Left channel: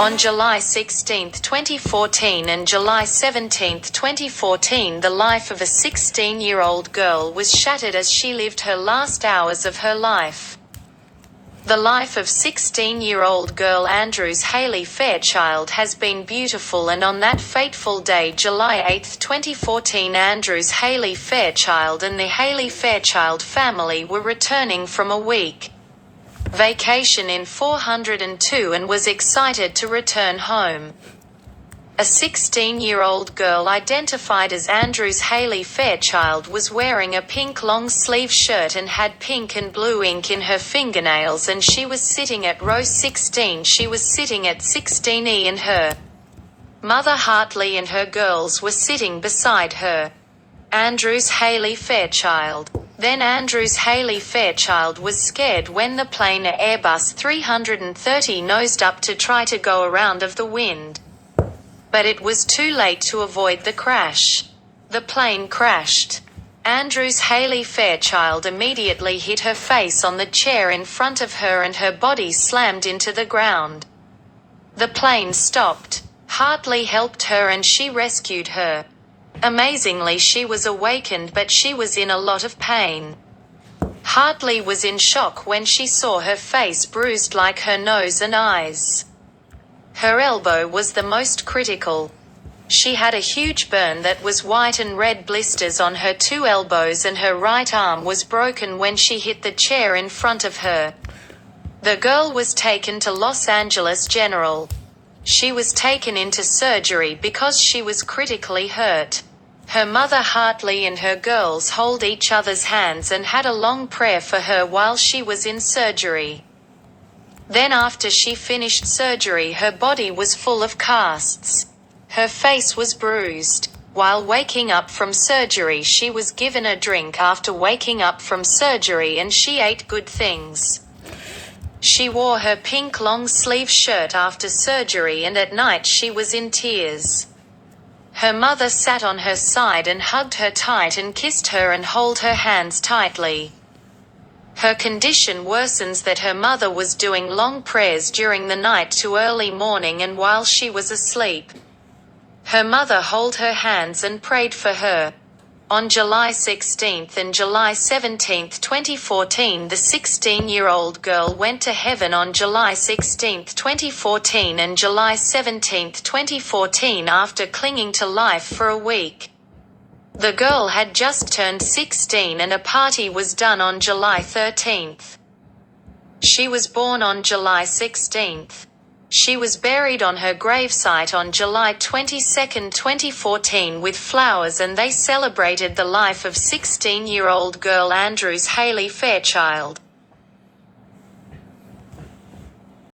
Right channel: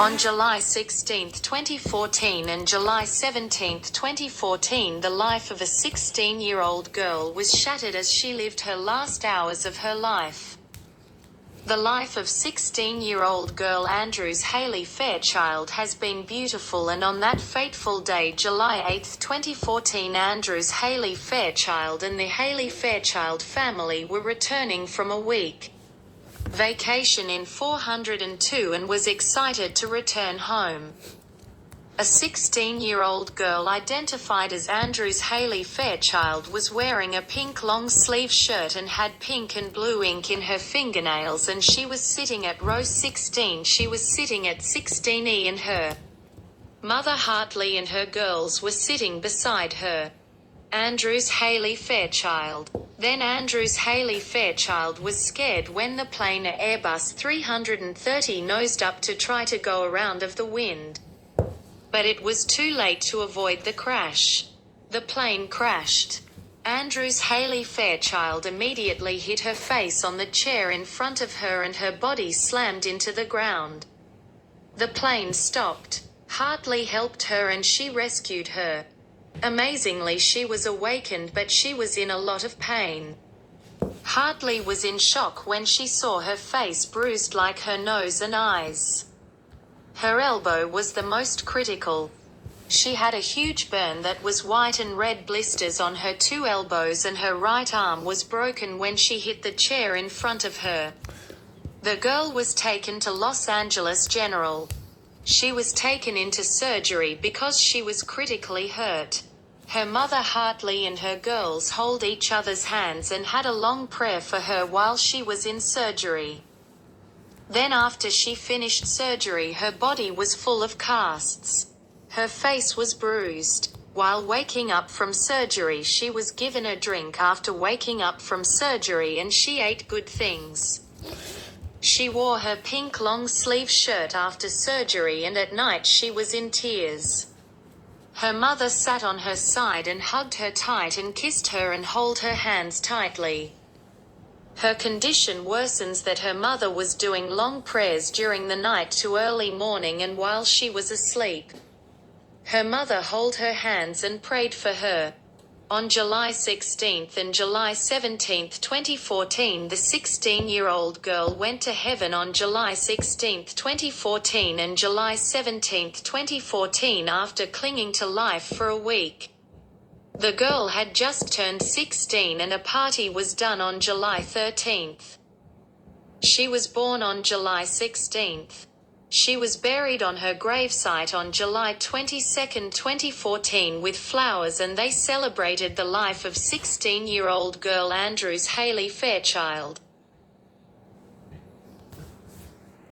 On July 16, 2014 and July 17, 2014, the life of a 16-year-old girl was shattered as she lived her last hours of her life. The life of 16-year-old girl Andrews Haley Fairchild has been beautiful, and on that fateful day, July 8, 2014, Andrews Haley Fairchild and the Haley Fairchild family were returning from a week vacation in 402 and was excited to return home. A 16-year-old girl identified as Andrews Haley Fairchild was wearing a pink long-sleeve shirt and had pink and blue ink in her fingernails, and she was sitting at row 16. She was sitting at 16E, and her mother Hartley and her girls were sitting beside her. Andrews Haley Fairchild. Then Andrews Haley Fairchild was scared when the plane, Airbus 330, nosed up to try to go around of the wind. But it was too late to avoid the crash. The plane crashed. Andrews Haley Fairchild immediately hit her face on the chair in front of her and her body slammed into the ground. The plane stopped. Hartley helped her and she rescued her. Amazingly, she was awakened, but she was in a lot of pain. Hartley was in shock when she saw her face bruised like her nose and eyes. Her elbow was the most critical. She had a huge burn that was white and red blisters on her two elbows, and her right arm was broken when she hit the chair in front of her. The girl was taken to Los Angeles General. She was taken into surgery because she was critically hurt. Her mother Hartley and her girls held each other's hands and had a long prayer for her while she was in surgery. Then after she finished surgery, her body was full of casts. Her face was bruised. While waking up from surgery, she was given a drink after waking up from surgery, and she ate good things. She wore her pink long-sleeve shirt after surgery, and at night she was in tears. Her mother sat on her side and hugged her tight and kissed her and held her hands tightly. Her condition worsens that her mother was doing long prayers during the night to early morning and while she was asleep. Her mother held her hands and prayed for her. On July 16 and July 17, 2014, the 16-year-old girl went to heaven. On July 16, 2014 and July 17, 2014, after clinging to life for a week. The girl had just turned 16 and a party was done on July 13. She was born on July 16. She was buried on her gravesite on July 22, 2014 with flowers, and they celebrated the life of 16-year-old girl Andrews Haley Fairchild.